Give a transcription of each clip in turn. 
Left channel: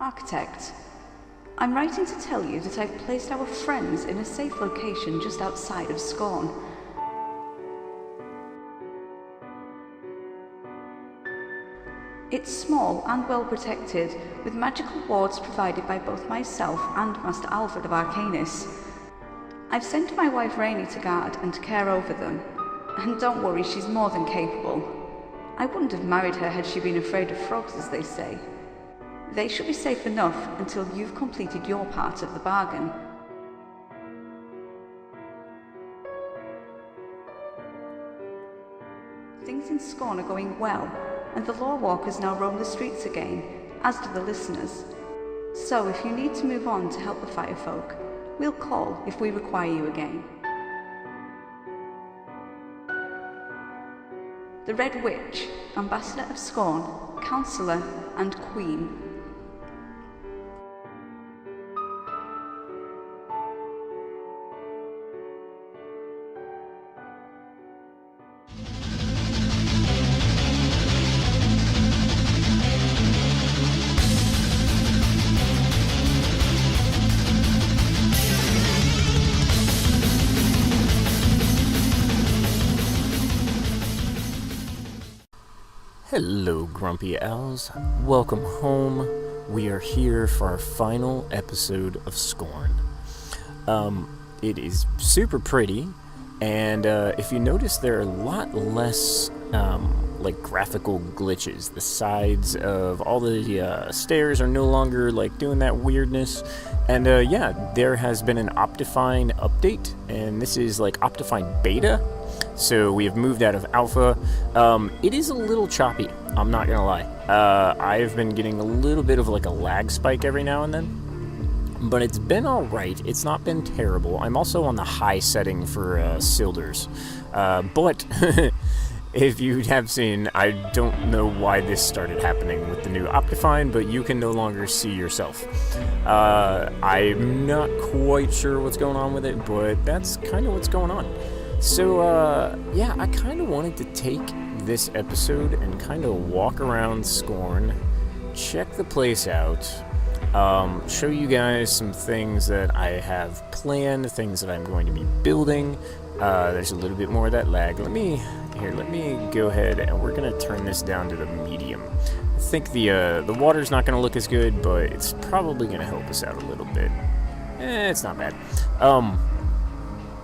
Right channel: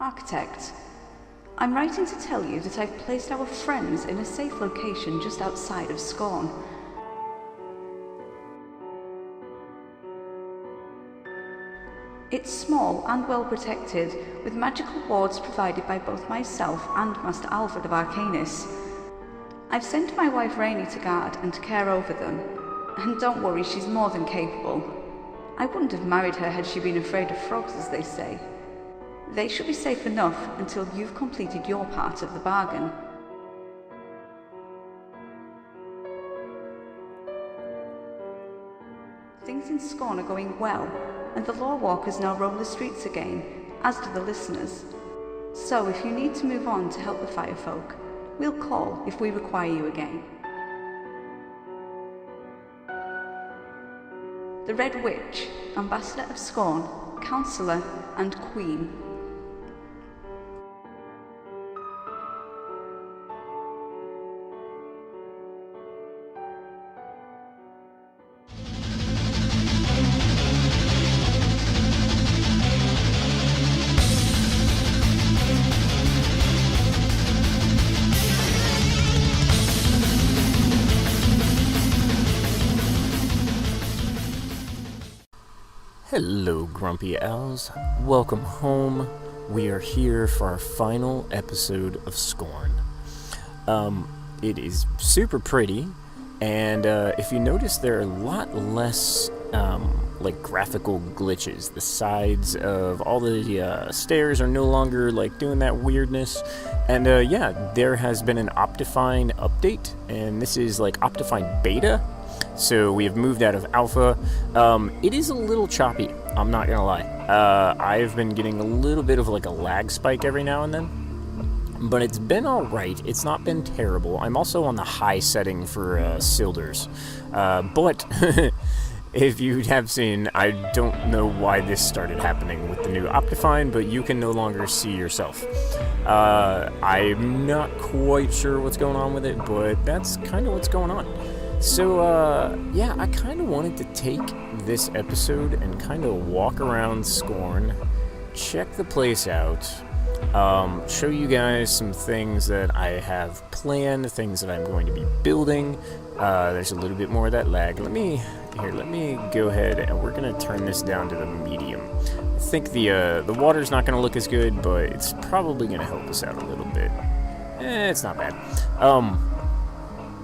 Architect, I'm writing to tell you that I've placed our friends in a safe location just outside of Scorn. It's small and well protected, with magical wards provided by both myself and Master Alfred of Arcanus. I've sent my wife Rainey to guard and to care over them, and don't worry, she's more than capable. I wouldn't have married her had she been afraid of frogs, as they say. They should be safe enough until you've completed your part of the bargain. Things in Scorn are going well, and the law walkers now roam the streets again, as do the listeners. So if you need to move on to help the firefolk, we'll call if we require you again. The Red Witch, Ambassador of Scorn, Counsellor and Queen. Hello, Grumpy Owls. Welcome home. We are here for our final episode of Scorn. It is super pretty, and if you notice, there are a lot less like graphical glitches. The sides of all the stairs are no longer like doing that weirdness. And yeah, there has been an Optifine update, and this is like Optifine Beta. So we have moved out of alpha. It is a little choppy, I'm not gonna lie. I've been getting a little bit of like a lag spike every now and then, but it's been alright. It's not been terrible. I'm also on the high setting for Silders. But if you have seen, I don't know why this started happening with the new Optifine, but you can no longer see yourself. I'm not quite sure what's going on with it, but that's kind of what's going on. So, yeah, I kind of wanted to take this episode and kind of walk around Scorn, check the place out, show you guys some things that I have planned, things that I'm going to be building. There's a little bit more of that lag. Let me go ahead and we're going to turn this down to the medium. I think the water's not going to look as good, but it's probably going to help us out a little bit. It's not bad.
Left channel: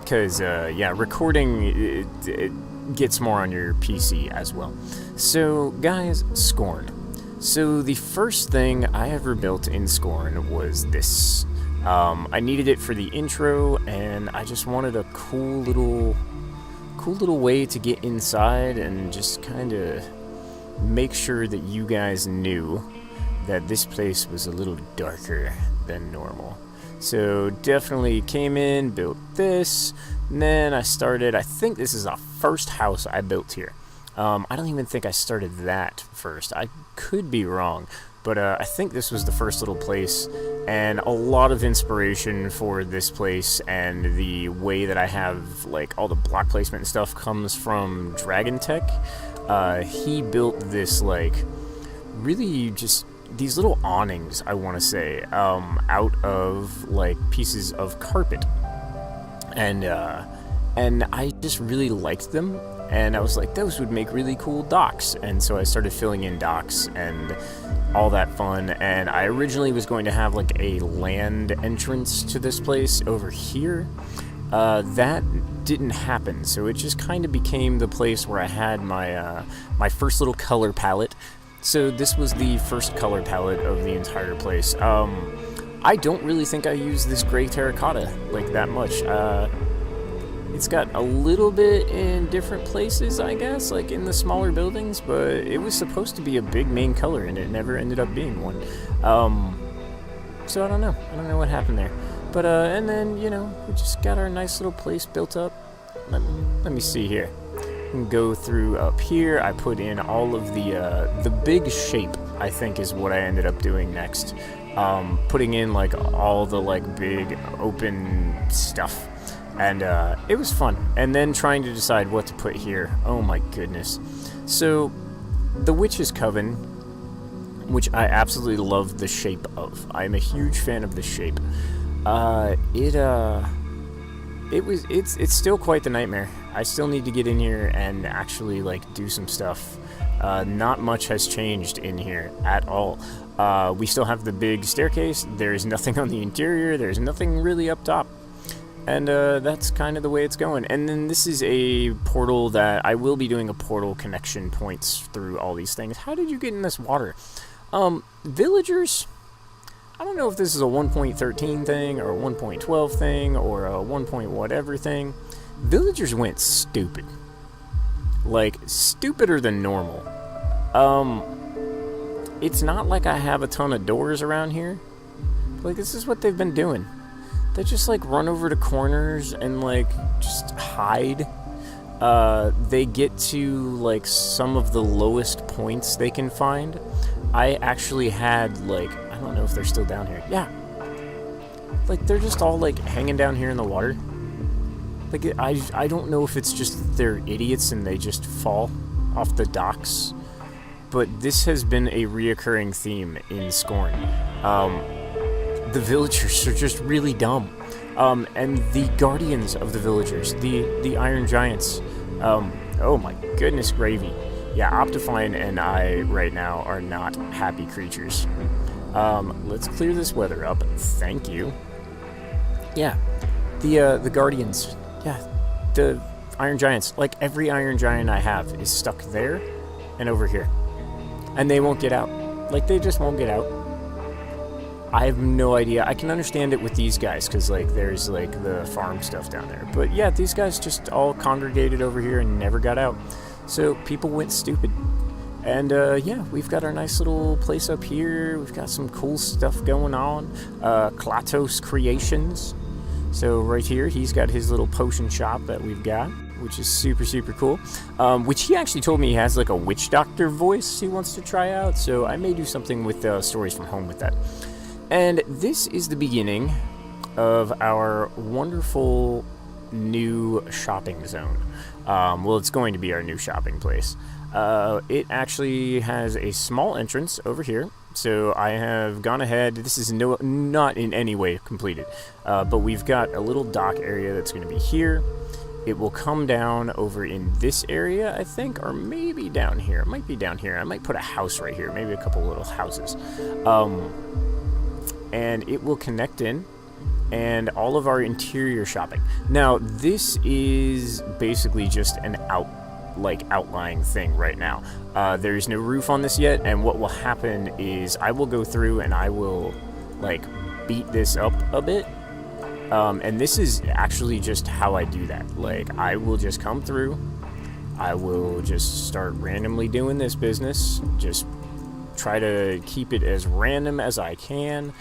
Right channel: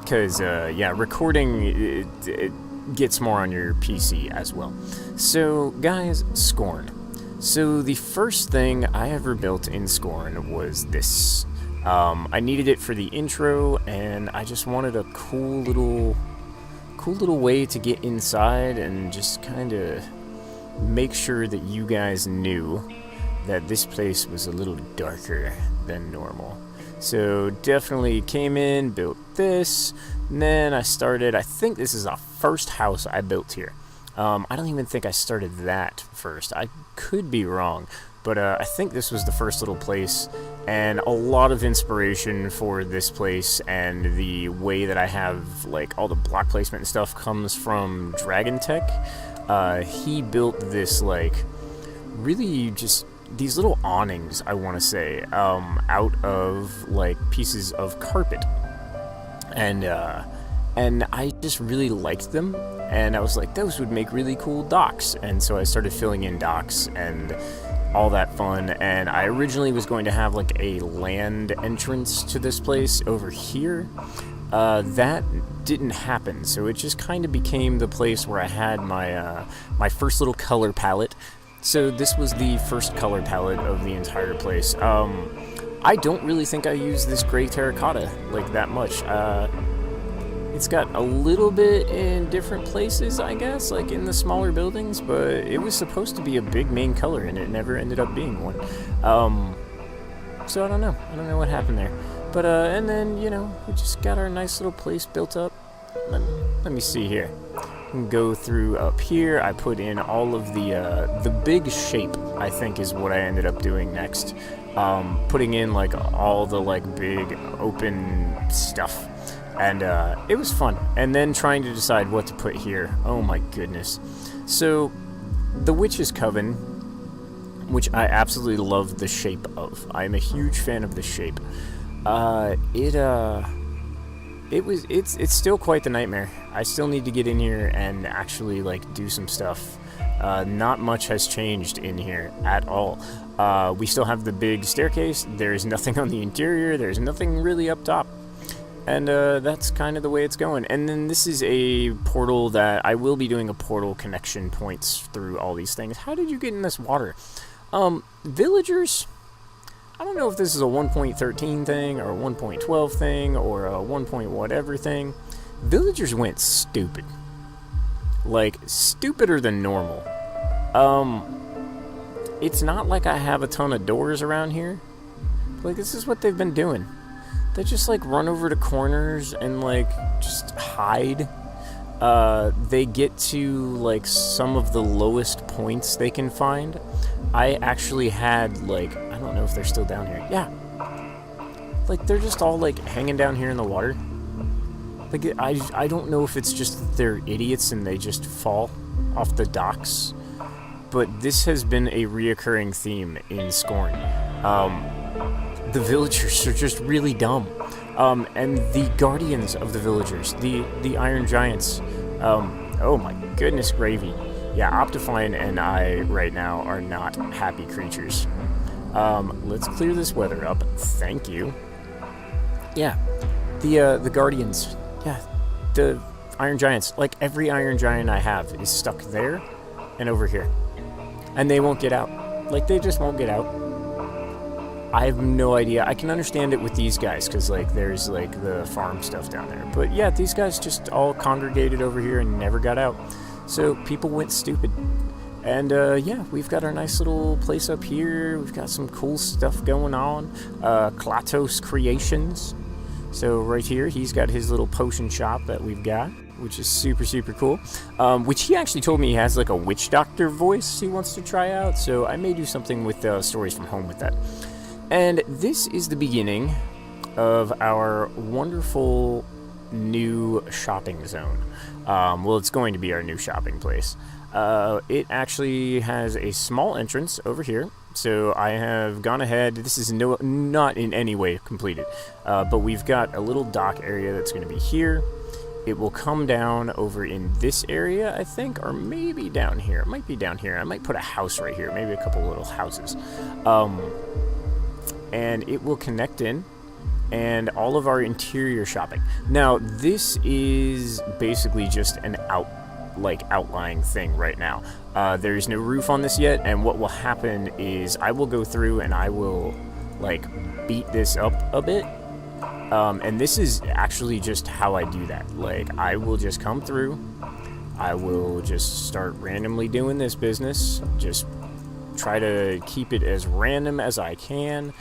Because, yeah, recording, it gets more on your PC as well. So, guys, Scorn. So, the first thing I ever built in Scorn was this. I needed it for the intro, and I just wanted a cool little way to get inside and just kind of make sure that you guys knew that this place was a little darker than normal. So definitely came in, built this, and then I think this is the first house I built here. I don't even think I started that first. I could be wrong, but I think this was the first little place, and a lot of inspiration for this place and the way that I have like all the block placement and stuff comes from Dragon Tech. He built this like really just these little awnings, I want to say, out of like pieces of carpet, and I just really liked them, and I was like, those would make really cool docks, and so I started filling in docks and all that fun. And I originally was going to have like a land entrance to this place over here. That didn't happen, so it just kind of became the place where I had my my first little color palette. So this was the first color palette of the entire place. I don't really think I use this gray terracotta like that much. It's got a little bit in different places, I guess, like in the smaller buildings, but it was supposed to be a big main color, and it never ended up being one. So I don't know what happened there. But, and then, you know, we just got our nice little place built up. Let me see here. Go through up here. I put in all of the big shape, I think, is what I ended up doing next. Putting in like all the like big open stuff, and it was fun. And then trying to decide what to put here. Oh my goodness. So the Witch's Coven which I absolutely love the shape of. I'm a huge fan of the shape. It's still quite the nightmare. I still need to get in here and actually like do some stuff. Not much has changed in here at all. We still have the big staircase. There's nothing on the interior. There's nothing really up top. And that's kind of the way it's going. And then this is a portal that I will be doing a portal connection points through all these things. How did you get in this water? Villagers, I don't know if this is a 1.13 thing or a 1.12 thing or a 1. Whatever thing. Villagers went stupid. Like, stupider than normal. It's not like I have a ton of doors around here. Like, this is what they've been doing. They just, like, run over to corners and, like, just hide. They get to, like, some of the lowest points they can find. I actually had, like, I don't know if they're still down here. Yeah. Like, they're just all, like, hanging down here in the water. Like, I don't know if it's just that they're idiots and they just fall off the docks. But this has been a reoccurring theme in Scorn. The villagers are just really dumb. And the guardians of the villagers, the Iron Giants, oh my goodness gravy. Yeah, Optifine and I right now are not happy creatures. Let's clear this weather up. Thank you. Yeah, the guardians. Yeah, the Iron Giants. Like, every Iron Giant I have is stuck there and over here. And they won't get out. Like, they just won't get out. I have no idea. I can understand it with these guys, because, like, there's, like, the farm stuff down there. But, yeah, these guys just all congregated over here and never got out. So, people went stupid. And, yeah, we've got our nice little place up here. We've got some cool stuff going on. Klatos Creations. So, right here, he's got his little potion shop that we've got, which is super, super cool. Which he actually told me he has, like, a witch doctor voice he wants to try out. So, I may do something with Stories from Home with that. And this is the beginning of our wonderful new shopping zone. Well, it's going to be our new shopping place. It actually has a small entrance over here. So I have gone ahead. This is not in any way completed. But we've got a little dock area that's going to be here. It will come down over in this area, I think, or maybe down here. It might be down here. I might put a house right here, maybe a couple little houses. And it will connect in, and all of our interior shopping. Now, this is basically just an outlying thing right now. There's no roof on this yet, and what will happen is I will go through and I will, like, beat this up a bit. And this is actually just how I do that. Like, I will just come through, I will just start randomly doing this business, just try to keep it as random as I can.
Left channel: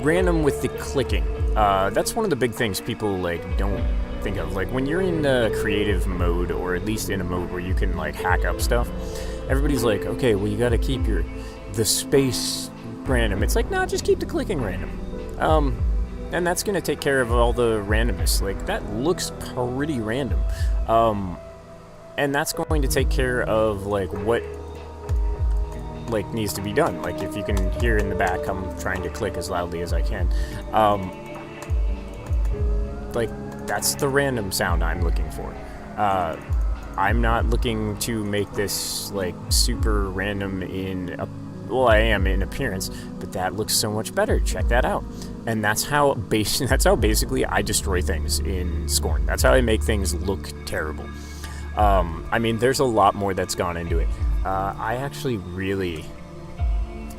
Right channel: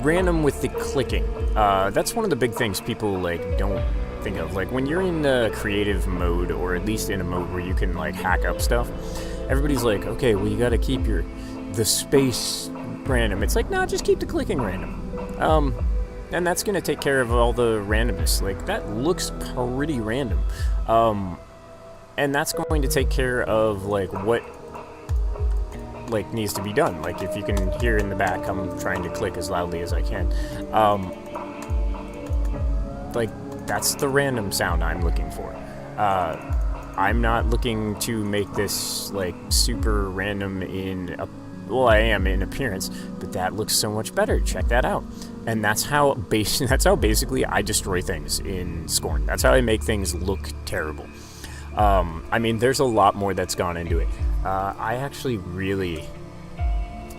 Random with the clicking. That's one of the big things people, like, don't think of. Like, when you're in a creative mode, or at least in a mode where you can, like, hack up stuff, everybody's like, okay, well, you gotta keep the space random. It's like, no, just keep the clicking random. And that's gonna take care of all the randomness. Like, that looks pretty random. And that's going to take care of, like, what, like, needs to be done. Like, if you can hear in the back, I'm trying to click as loudly as I can. Like, that's the random sound I'm looking for. I'm not looking to make this, like, super random well, I am in appearance, but that looks so much better. Check that out. And that's how basically I destroy things in Scorn. That's how I make things look terrible. I mean, there's a lot more that's gone into it. I actually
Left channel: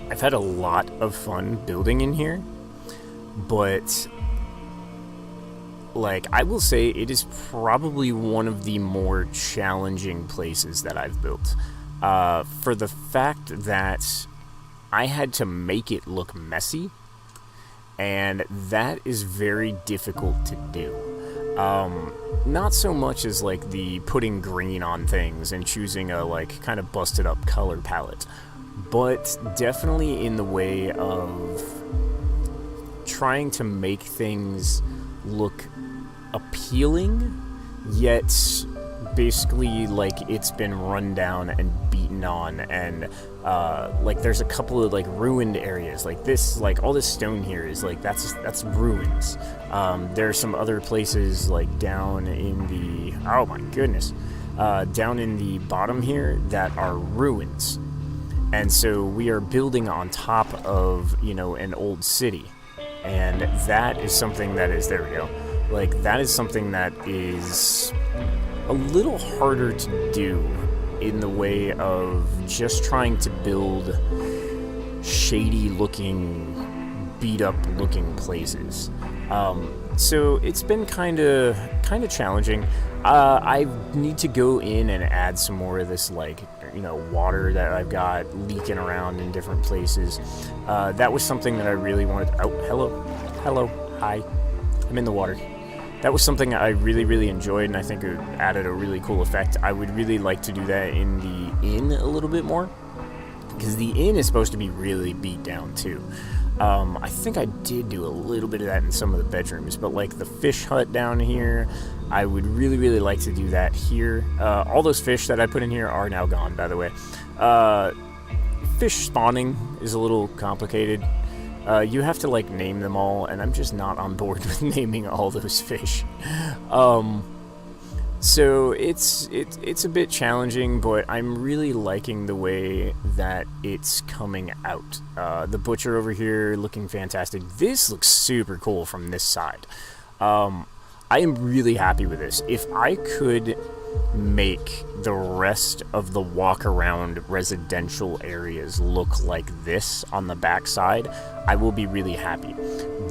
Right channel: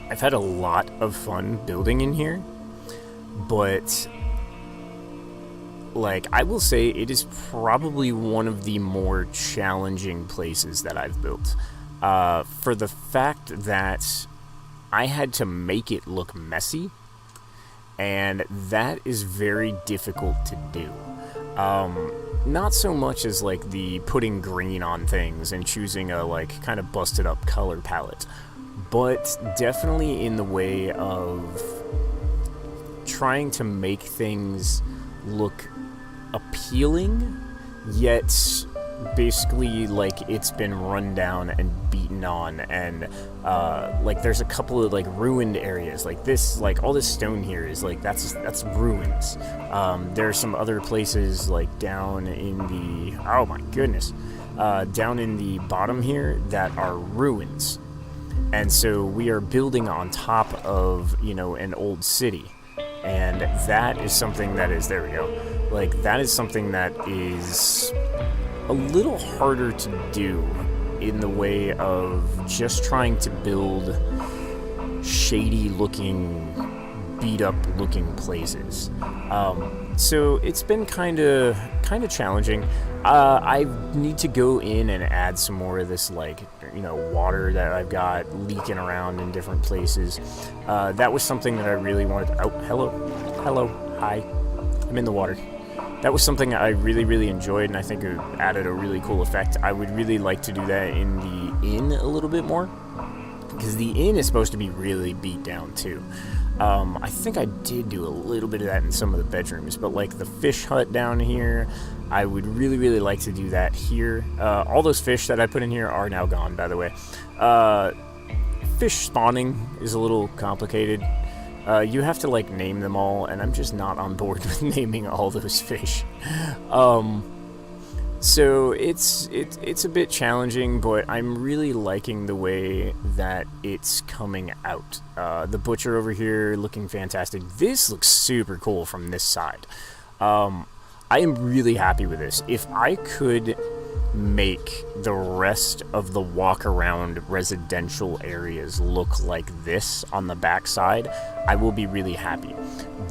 I've had a lot of fun building in here, but, like, I will say it is probably one of the more challenging places that I've built, for the fact that I had to make it look messy, and that is very difficult to do. Not so much as, like, the putting green on things and choosing a, like, kind of busted up color palette, but definitely in the way of trying to make things look appealing, yet basically like it's been run down and beaten on, and like there's a couple of like ruined areas like this, like all this stone here is like that's ruins. There are some other places like down in the, oh my goodness, down in the bottom here that are ruins, and so we are building on top of, you know, an old city, and that is something that is, there we go, like that is something that is a little harder to do in the way of just trying to build shady looking, beat up looking places. So it's been kind of challenging. I need to go in and add some more of this, like, you know, water that I've got leaking around in different places. That was something that I really wanted to, oh, hello, hi, I'm in the water. That was something I really enjoyed, and I think it added a really cool effect. I would really like to do that in the inn a little bit more, because the inn is supposed to be really beat down too. I think I did do a little bit of that in some of the bedrooms, but like the fish hut down here, I would really like to do that here. All those fish that I put in here are now gone, by the way. Fish spawning is a little complicated. You have to like name them all, and I'm just not on board with naming all those fish. So it's a bit challenging, but I'm really liking the way that it's coming out. The butcher over here looking fantastic. This looks super cool from this side. I am really happy with this. If I could make the rest of the walk around residential areas look like this on the back side, I will be really happy.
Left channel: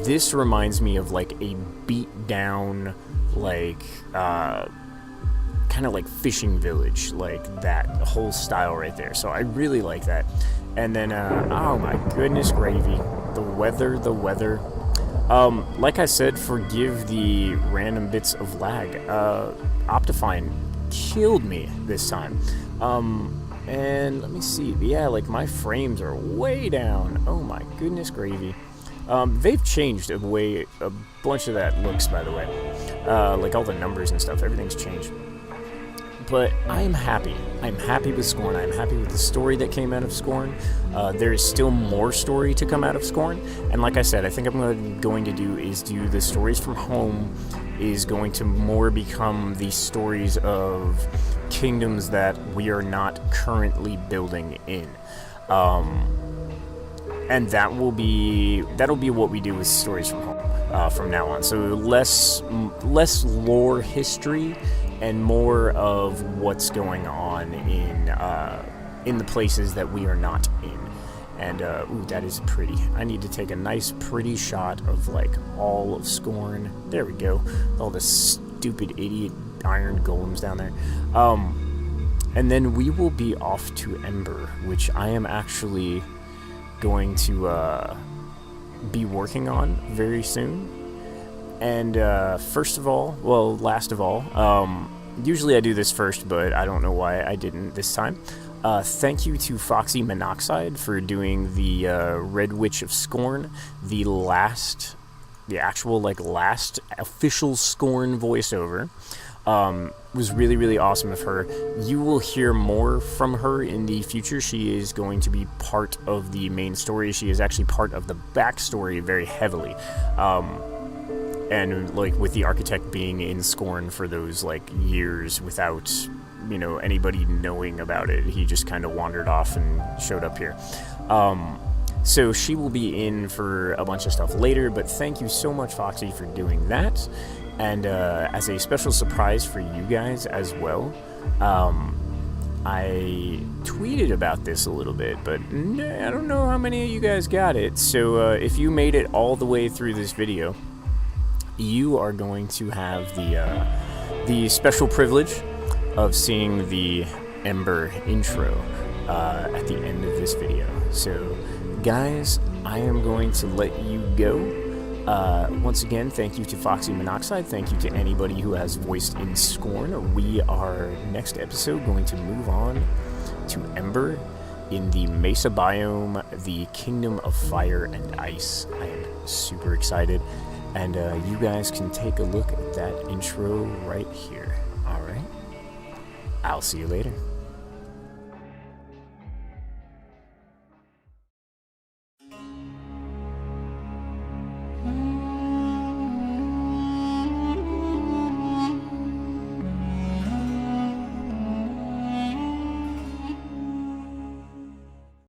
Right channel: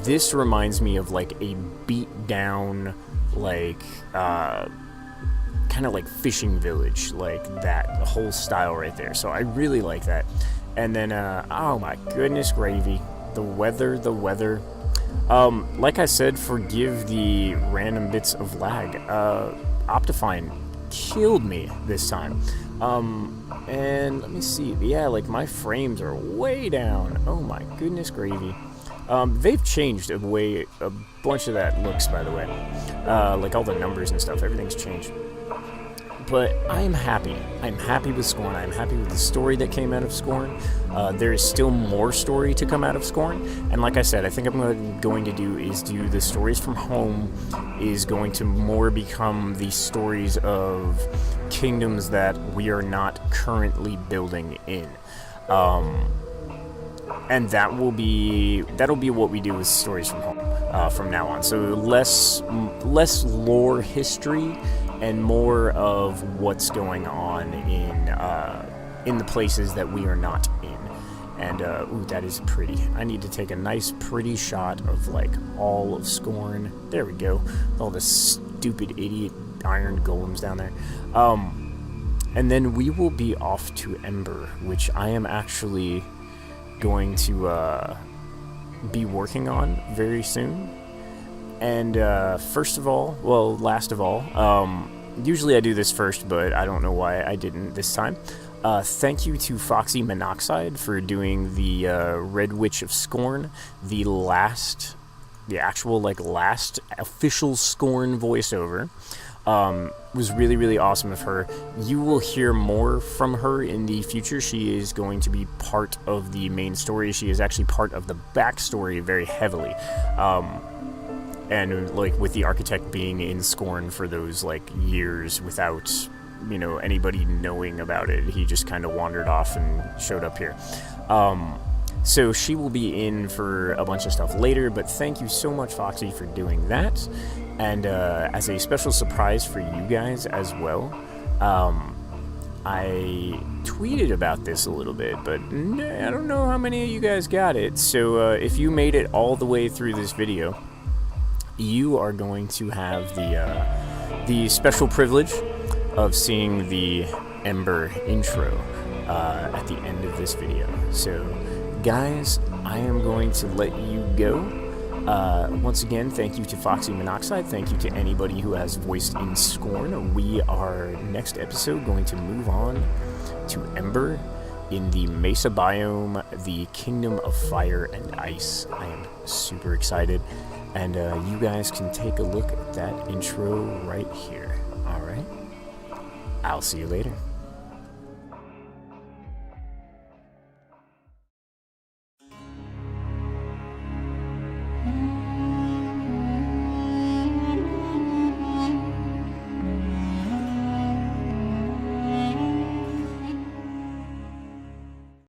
This reminds me of like a beat down, like kind of like fishing village, like that whole style right there. So I really like that. And then oh my goodness gravy, the weather. Like I said, forgive the random bits of lag. Optifine killed me this time. And let me see, yeah, like my frames are way down. Oh my goodness gravy. They've changed a bunch of that looks, by the way. Like all the numbers and stuff, everything's changed. But I am happy. I'm happy with Scorn. I'm happy with the story that came out of Scorn. There is still more story to come out of Scorn. And like I said, I think I'm going to do the stories from home is going to more become the stories of kingdoms that we are not currently building in. And that'll be what we do with stories from home from now on. So less lore history and more of what's going on in the places that we are not in. And ooh, that is pretty. I need to take a nice pretty shot of like all of Scorn. There we go. All the stupid idiot iron golems down there. And then we will be off to Ember, which I am actually going to be working on very soon. And last of all, usually I do this first, but I don't know why I didn't this time. Thank you to Foxy Monoxide for doing the Red Witch of Scorn, the actual last official Scorn voiceover. Was really awesome of her. You will hear more from her in the future. She is going to be part of the main story. She is actually part of the backstory very heavily. And like with the architect being in Scorn for those like years without, you know, anybody knowing about it, he just kind of wandered off and showed up here. So she will be in for a bunch of stuff later, but thank you so much, Foxy, for doing that. And as a special surprise for you guys as well, I tweeted about this a little bit, but I don't know how many of you guys got it. So if you made it all the way through this video, you are going to have the special privilege of seeing the Ember intro at the end of this video. So, guys, I am going to let you go. Once again, thank you to Foxy Monoxide. Thank you to anybody who has voiced in Scorn. We are, next episode, going to move on to Ember in the Mesa biome, the Kingdom of Fire and Ice. I am super excited. And you guys can take a look at that intro right here. Alright? I'll see you later.